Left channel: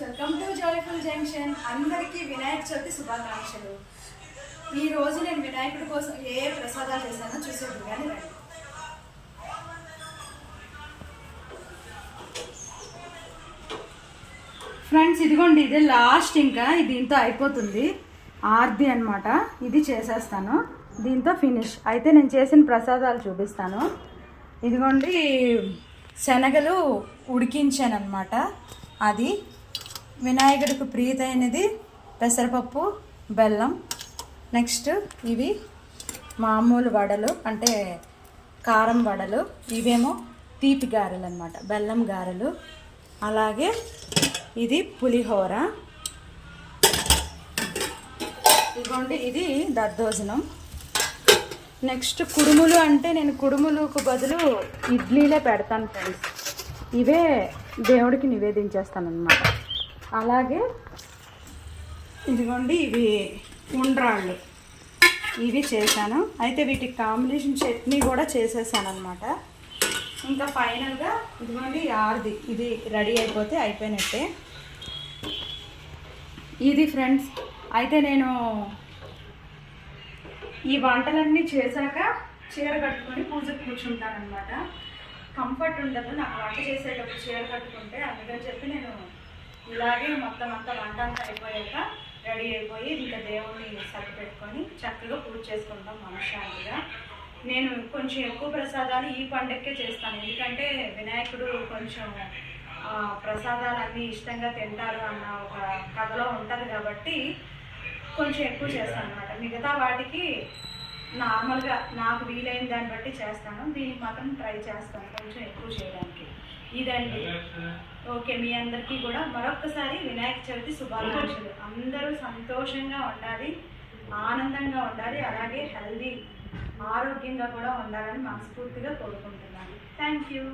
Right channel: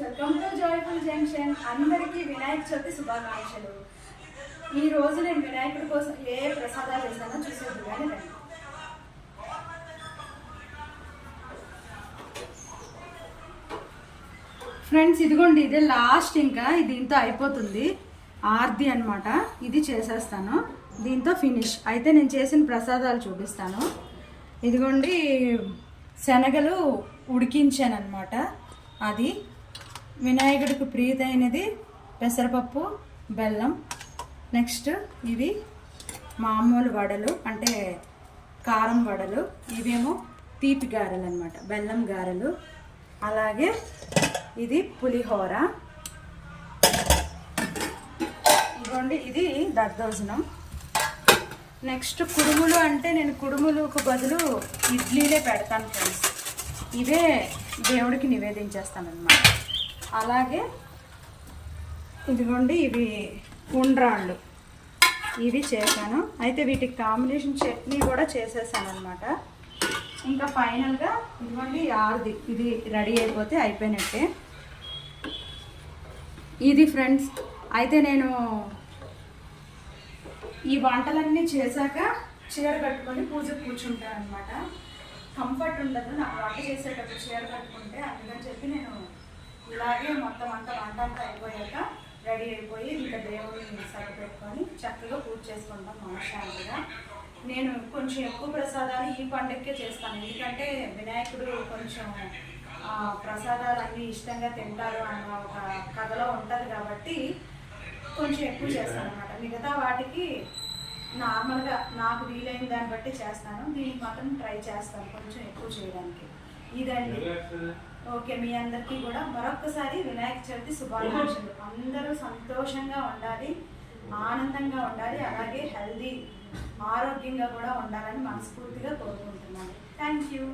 Welcome to joyful junction అందరికీ వినాయక చవితి శుభాకాంక్షలు. ఈ రోజు నేను వినాయకుడి కోసం ఏ ప్రసాదాలు చేశానో చూసేది కానీ రండి. ఫ్రెండ్స్ ఇదిగోండి ఇదే లాస్ట్ ఇంకా దీంతో అయిపోతుంది. ఆర్ది అనమాట ఇది చేసేస్తాను. దీంతో ఫినిష్ అయితే నేను చేసిన ప్రసాదాలు చూపిస్తాను. ఇదిగోండి శనగలు ఉడికించాను అనమాట అది వినాయకుడికి ప్రీతైనది పెసరపప్పు బెల్లం. నెక్స్ట్ ఇవి మామూలు వడలు అంటే కారం వడలు. ఇవేమో తీపి గారెలు అనమాట బెల్లం గారెలు. అలాగే ఇది పులిహోర. ఇదిగోండి ఇది దద్దోజనం. నెక్స్ట్ కుడుములు అంటే నేను కుడుములకు బదులు ఇడ్లీలే పెడతాను ఫ్రెండ్స్. ఇవే దేవుడికి నివేదించేస్తాను అనమాట అలాగే ఇదిగోండి ఇవి ఉండ్రాళ్ళు. ఇవి చేశాను. అయితే వీటికి కాంబినేషన్ చట్నీ కూడా చేసేసాను అనమాట ఇంకా ఫైనల్గా ఇదిగోండి ఆర్ది. ఇది రెడీ అయిపోతే అయిపోయినట్టే. ఇది ఫ్రెండ్స్ అయితే నేను ఈ వంటలన్నీ చేశాక చీర కట్టుకొని పూజకు కూర్చుంటాను అనమాట కంఫర్ట్ ఉండదు నాకు వంట చేసేటప్పుడు చీర కట్టుకుంటే అందుకని చెప్పి నేను ఇలాగే మొత్తం అంతా వంట అంతా అయిపోయాక రెడీ అయిపోయి ఇంకా దేవుడిని సరిపెట్టుకొని చక్కగా పూజ చేసుకుంటాం మనశ్శాంతిగా. నేను కొంచెం ఎక్కువ ప్రసాదాలు ఈ పండగకే చేస్తాను. ఎందుకంటే వినాయకుడు కొంచెం ప్రసాదాలన్నీ ఇష్టంగా తింటారు అన్న ఒక కథలో ఉంటుంది కాబట్టి కొంచెం ఎక్కువ చేస్తాను అనమాట మిగతా వాటికి నార్మల్గా నాకు వీలైన దాన్ని బట్టి చేస్తాను. దీనికి మాత్రం ట్రై చేస్తాను కొంచెం ఎక్కువ చేయడానికి. ఇదండి. ఓకే మీ అందరికీ కూడా మరొక్కసారి వినాయక చవితి శుభాకాంక్షలు. అందరూ సంతోషంగా ఉండాలి ఆనందంగా ఉండాలి అలాగే హెల్దీ ఆరోగ్యంగా కూడా ఉండాలని మనస్ఫూర్తిగా కోరుకుంటున్నాను. Thank you.